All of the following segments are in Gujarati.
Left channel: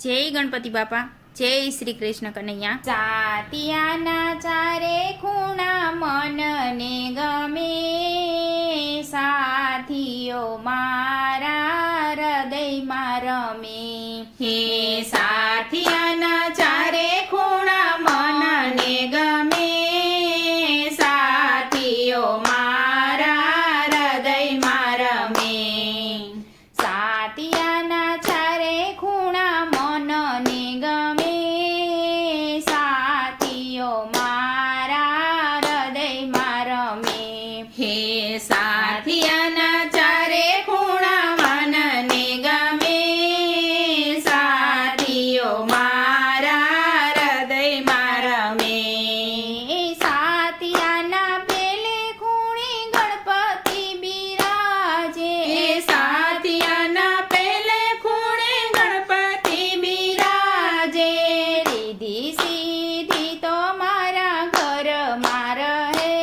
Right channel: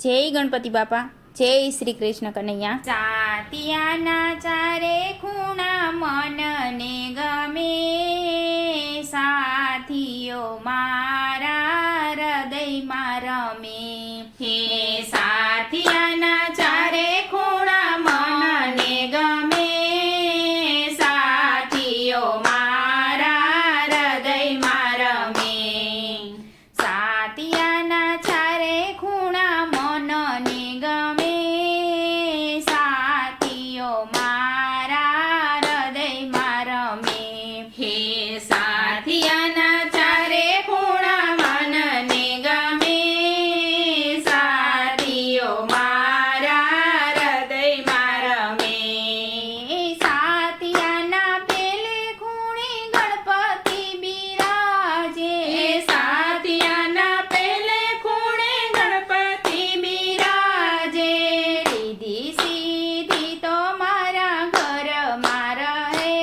જય ગણપતિ બાપા, જય શ્રી કૃષ્ણ કનૈયા। સાતિયાના ચારે ખૂણા મનને ગમે, સાથીઓ મારા હૃદયમાં રમે। હે સાથિયાના ચારે ખૂણા મનને ગમે, સાથીઓ મારા હૃદયમાં રમે। સાતિયાના ચારે ખૂણા મનને ગમે, સાથીઓ મારા હૃદયમાં રમે। હે સાથિયાના ચારે ખૂણા મનને ગમે, સાથીઓ મારા હૃદયમાં રમે। સાથિયાના પેલે ખૂણે ગણપતિ બિરાજે, સાથિયાના પેલે ખૂણે ગણપતિ બિરાજે। રીધી સીધી તો મારા ઘરમાં રહે,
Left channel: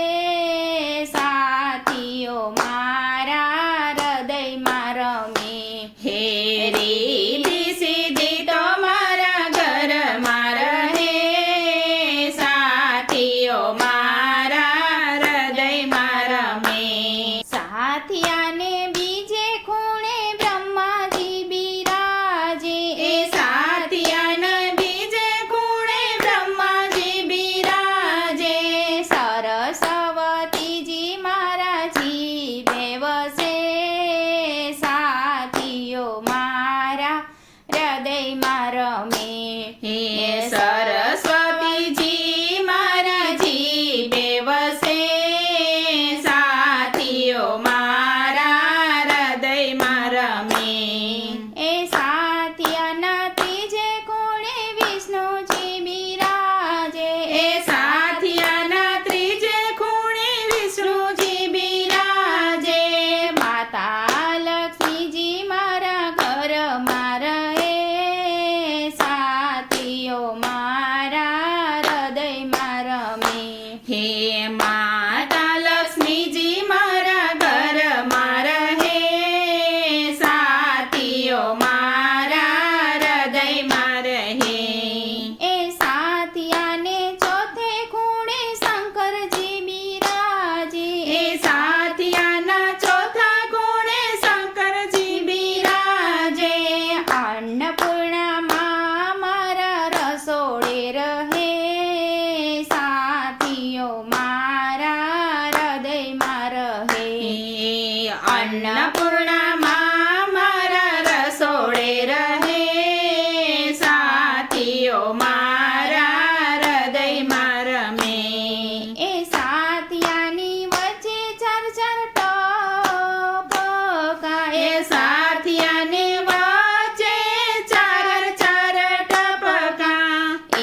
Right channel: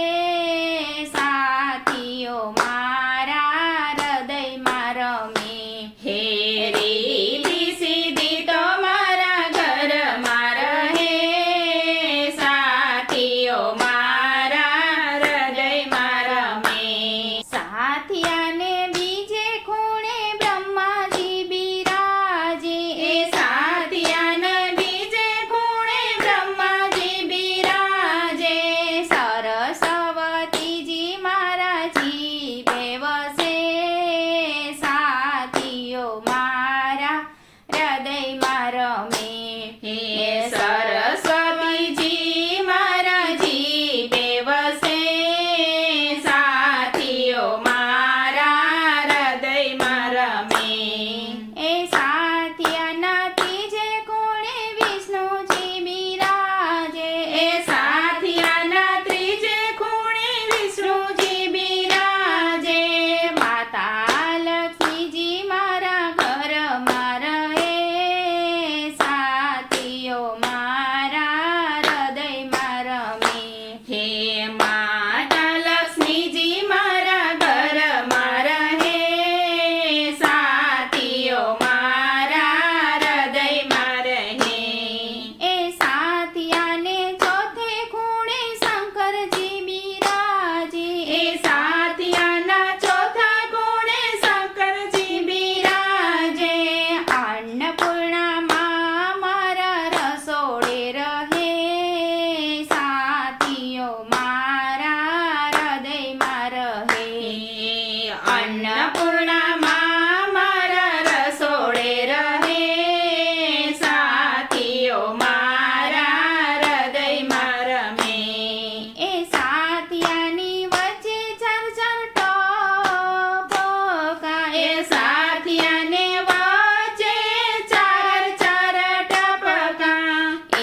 સાથીઓ મારા હૃદયમાં રમે। હે રીધી સીધી તો મારા ઘરમાં રહે, સાથીઓ મારા હૃદયમાં રમે। સાથિયાને બીજે ખૂણે બ્રહ્માજી બિરાજે, સાથિયાને બીજે ખૂણે બ્રહ્માજી બિરાજે। સરસ્વતીજી મારા જીવે વસે, સાથીઓ મારા હૃદયમાં રમે। હે સરસ્વતીજી મારા જીવે વસે, સાથીઓ મારા હૃદયમાં રમે। એ સાથિયાના ત્રીજે ખૂણે વિષ્ણુજી બિરાજે, સાથિયાના ત્રીજે ખૂણે વિષ્ણુજી બિરાજે। માતા લક્ષ્મીજી મારા ઘરમાં રહે, સાથીઓ મારા હૃદયમાં રમે। હે માતા લક્ષ્મીજી મારા ઘરમાં રહે, સાથીઓ મારા હૃદયમાં રહે। એ સાથિયાને ચોથે ખૂણે શંકરજી બિરાજે, સાથિયાના ચોથા ખૂણે શંકરજી બિરાજે। અન્નપૂર્ણામાં મારા રસોડે રહે, સાથીઓ મારા હૃદયમાં રહે। અન્નપૂર્ણામાં મારા રસોડે રહે, સાથીઓ મારા હૃદયમાં રમે। એ સાથિયાની વચ્ચે ચાર ચાર ટપકા, એ સાથિયાને વચ્ચે ચાર ચાર ટપકા।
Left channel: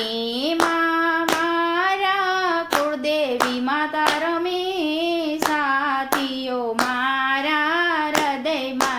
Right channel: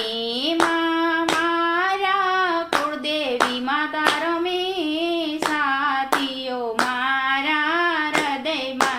એમાં મારા કુળદેવી માતા રમે, સાથીઓ મારા હૃદયમાં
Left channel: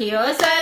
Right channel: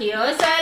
રાખ્યો સર